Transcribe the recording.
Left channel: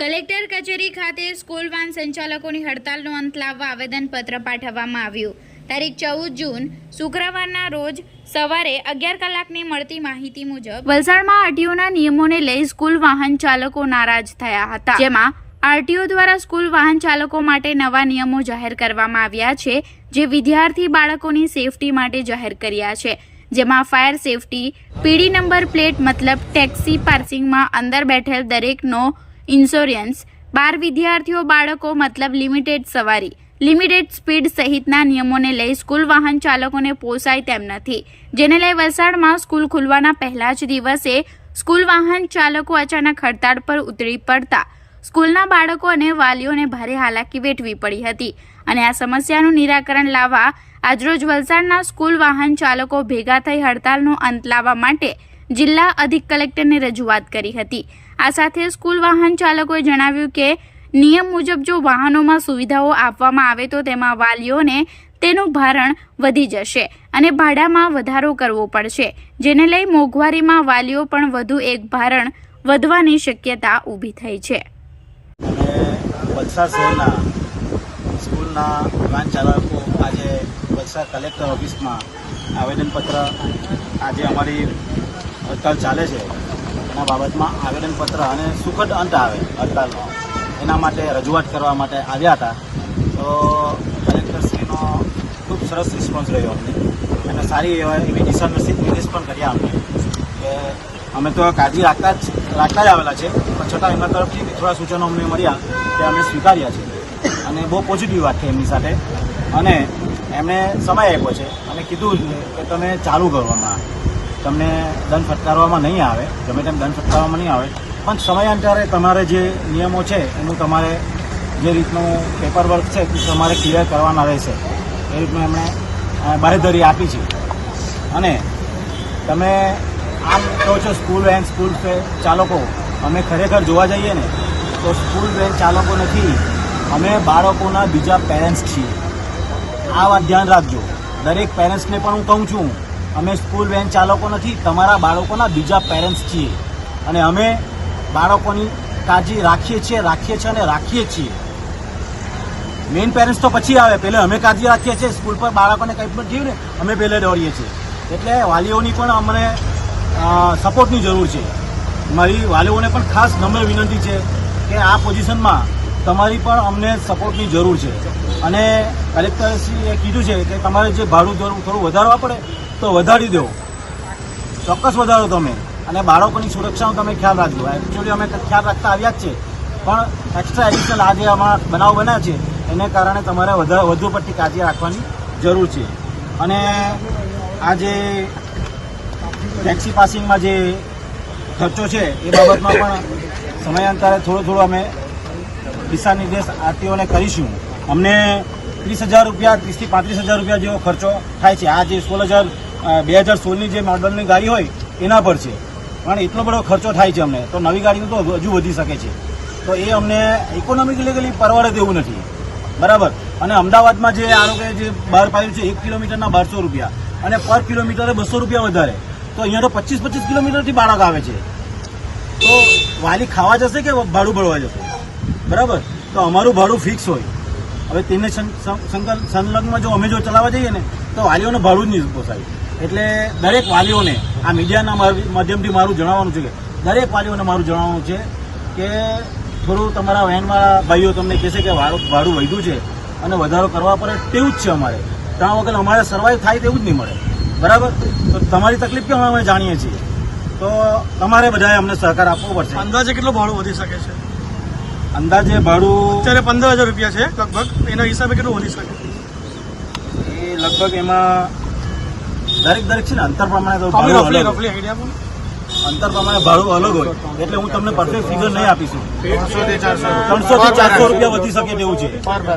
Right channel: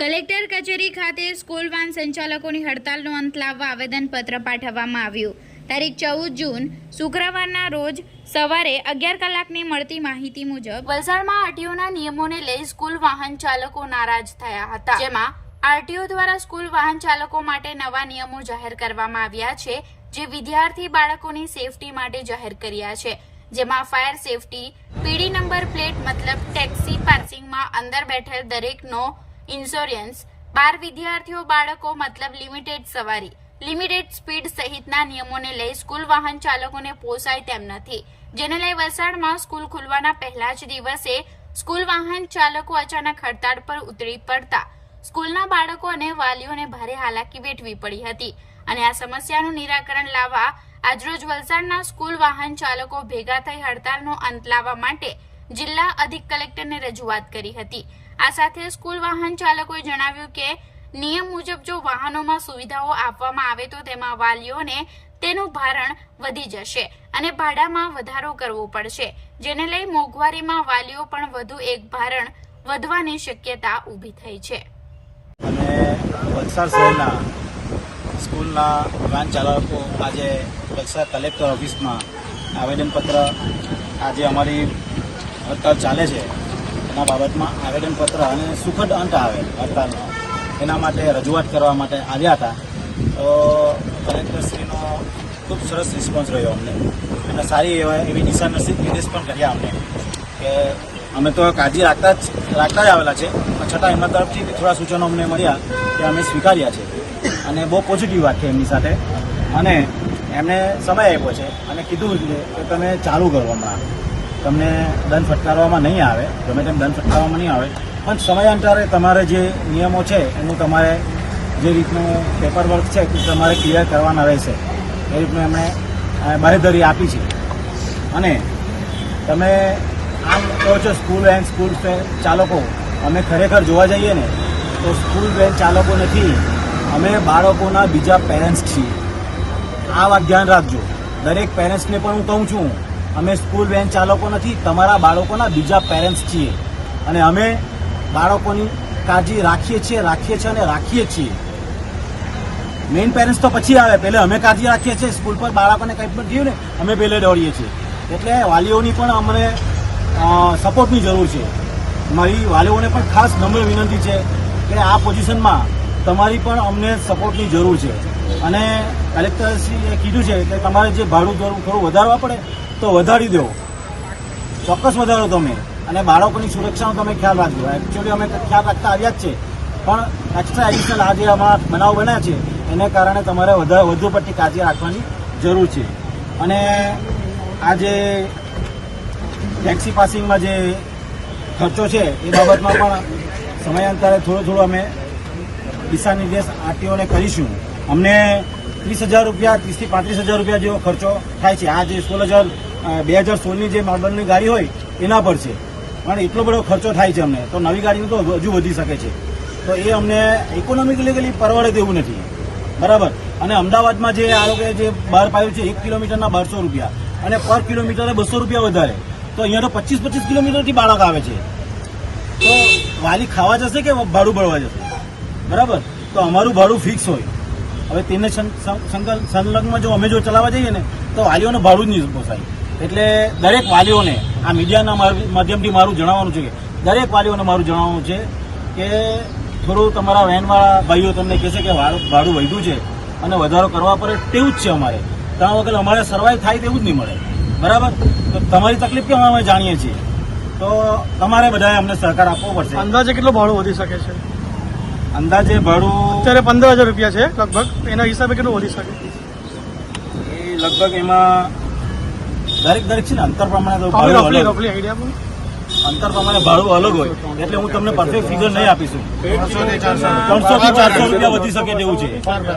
Collector કચેરી ખાતે school van સંચાલકોની હડતાલનો અંત લાવવા આવેદનપત્ર પાઠવવામાં આવ્યું। તારીખ 14 જૂન શુક્રવારના રોજ સવારે 11 કલાકની મળતી માહિતી મુજબ વલસાડમાં આરટીઓના નિયમોને લઈ સ્કૂલ વાહન ચાલકો નારાજ થયા હતા, જેમાં આરટીઓ દ્વારા સ્કૂલ વાહન ચાલકો માટે નવા નિયમો જાહેર કરવામાં આવ્યા છે, જે વિદ્યાર્થી બાળકોની સેફટી માટે જાહેર કર્યા છે, જેમાં ફાયર સેફટી, પીડી નંબર પ્લેટ મતલબ ટેક્સી પાર્કિંગમાં અંદર બેઠેલ દરેકનો ઇન્સ્યોરન્સ, 12 વિદ્યાર્થીઓ બાળકો મતલબ લિમિટેડ સવારી, લિમિટેડ સ્પીડ સહિતના નિયમોને લઈ સ્કૂલ વાહન ચાલકોને પોસાય તેમ નથી, જેને લઈ વલસાડમાં સ્કૂલ ખુલવાના પહેલા જ દિવસે સ્કૂલ વાહન ચાલકો અચાનક હડતાળ પર ઉતરી પડતા સ્કૂલના બાળકો અને વાલીઓને ભારે હાલાકી વેઠવી પડી હતી અને આ સમસ્યાનું નિરાકરણ લાવવા આજરોજ વલસાડના સ્કૂલ વાહન ચાલકો ભેગા થઈ હડતાલનો અંત લાવવા માટે જિલ્લા અધિક કલેક્ટરને રજૂઆત કરી હતી। આ સાથે સ્કૂલ વાહન ચાલકોએ જણાવ્યું કે નિયમ મુજબ જો વાહનોમાં સુવિધાઓ આપવામાં આવે તો તેમાં વાલીઓને તેનું ભારણ વધી જશે અને ભાડામાં વધારો કરવો પડશે, જેને લઈ મોંઘવારીમાં વાલીઓ પણ વધુ એક ભારણ વધવાની શક્યતા ઊભી થઈ છે। અને વલસાડ શહેરના સ્કૂલના વાહન ચાલકો આજે વલસાડ કલેક્ટર ઓફિસમાં આવેદનપત્ર, આજે અમારી હડતાળ ચાલે છે એના બાબતમાં આવેદનપત્ર અને સુખદ અંત આવે હડતાળનો, એના માટે રજૂઆત કરવા માટે આવ્યા હતા। તો કલેક્ટરશ્રીનો ખૂબ સરસ રિસ્પોન્સ રહ્યો અમને અને સારી એવી દિશા નિર્દેશ પણ કર્યા અમને કે અમે તો કાળજી રાખતા જ આવેલા છે, પણ છતાં એમના તરફથી થોડા સૂચનો અમને મળ્યા કે અમે સ્વીકાર્યા છે અને બહુ પોઝિટિવ વાત છે એમની સાથે, અને એમણે સમય આપ્યો છે અને કીધું છે કે તમે ચાલુ કરો, હમણાં તમને દંડ ફટકારવામાં નહીં આવે, ગમે તેમ દંડ ફટકારવામાં નહીં આવે, પણ સમયાંતરે તમારે જે નિયમો છે એનું તમારે જે રીતનું પેપર વર્ક છે તે તમારે ક્લિયર કરવાના રહેશે, એ રીતનું એમણે બાહેધરી આપી છે। અને તમે આમ કહો છો સ્કૂલ વેન સ્કૂલ ચાલકો, અમે ખરેખર જોવા જઈએ ને તો સ્કૂલ વેન ચાલકો નથી, અમે બાળકોના બીજા પેરેન્ટ્સ છીએ। આ વાત ધ્યાન રાખજો, દરેક પેરેન્ટ્સને પણ હું કહું છું, અમે સ્કૂલ વેન ચાલકો નથી, તમારા બાળકોના બીજા પેરેન્ટ્સ છીએ અને અમે બાળકોની કાળજી રાખીએ છીએ અને રાખીએ છીએ। મેઇન પેરેન્ટ્સ તો પછી આવે, પહેલે અમે કાળજી રાખીએ છીએ, સ્કૂલ પર બાળકોને કંઈ પણ થયું ને અમે પહેલે દોડીએ છીએ, એટલે વાલીઓની પણ અમને સપોર્ટની જરૂર છે। મારી વાલીઓને પણ ખાસ નમ્ર વિનંતી છે કે આ પોઝિશનમાં તમારી પણ અમને સપોર્ટની જરૂર છે અને કલેક્ટરશ્રીએ કીધું છે કે તમારે જે ભાડું થોડું વધારવા પડે તો વધારી દો, ચોક્કસ વધારો તમે, અને બાળકોની સુરક્ષાનો તમે ખ્યાલ રાખજો। એકચ્યુઅલી અમે ખ્યાલ રાખતા આવ્યા જ છે, પણ એક્સ્ટ્રા એડિશનલ આ જે અમારા બનાવ બન્યા છે એને કારણે તમારે વધુ પડતી કાળજી રાખવાની જરૂર છે। અને આ જે ટેક્સી પાસિંગમાં જે ખર્ચો છે એ બાબતમાં પણ સમયાંતરે થોડું અમે દિશા નિર્દેશ આરટીઓને કરીશું। અમને 30,000 રૂપિયા, 30,000 થી 35,000 રૂપિયા જેવો ખર્ચો થાય છે। આ જે 2016ની જે મોડલની ગાડી હોય એના પર છે, પણ એટલો બધો ખર્ચો થાય છે અમને, તો નવી ગાડીનું તો હજુ વધી શકે છે, તો એ અમને ઇકોનોમિકલી પરવડે તેવું નથી, બરાબર। અને અમદાવાદમાં જે આ લોકોએ જે બહાર પાડ્યું છે 1 કિલોમીટરના 1200 રૂપિયા અને પર કિલોમીટરે 200 રૂપિયા વધારે, તો અહીંયા તો 25 કિલોમીટરથી બાળક આવે છે, તો વાલી ખાવા જશે કે ભાડું ભરવા જશે, બરાબર। તો અમારું ભાડું ફિક્સ હોય, હવે તેને સંલગ્નમાં અમે જો ચલાવવા જઈએ ને તો વાલીઓને ભાડું જ નહીં પોસાય, એટલે દરેક વાલીઓને આ મીડિયાના માધ્યમથી મારું જણાવવાનું છે કે દરેક વાલીઓને મારું જણાવવાનું છે કે થોડું તમારા વેનવાળા ભાઈઓ તમને કહેશે કે ભાડું વધ્યું છે અને વધારો કરવા પડે તેવું જ છે, અમારે ત્યાં વગર અમારે સર્વાઈવ થાય તેવું જ નહીં મળે, બરાબર। તો તમારી તકલીફ કેમ અમે જાણીએ છીએ, તો તમારે બધાએ અમને સહકાર આપવો પડશે। અંદાજે કેટલું ભાડું વધી શકે છે? અંદાજે ભાડું અત્યારે 15,000 રૂપિયા છે લગભગ, એના હિસાબે કેટલું વધી શકે? એ લગભગ એમાં દરેક છે ને અંતર પ્રમાણે તો રફલી આઈડિયા પણ અંતર પ્રમાણે ભાડું અલગ હોય, એટલે હું તમને પરફેક્ટ ફિગર નહીં આપીશું। 300 થી 400 રૂપિયા વધી શકે તેવું છે।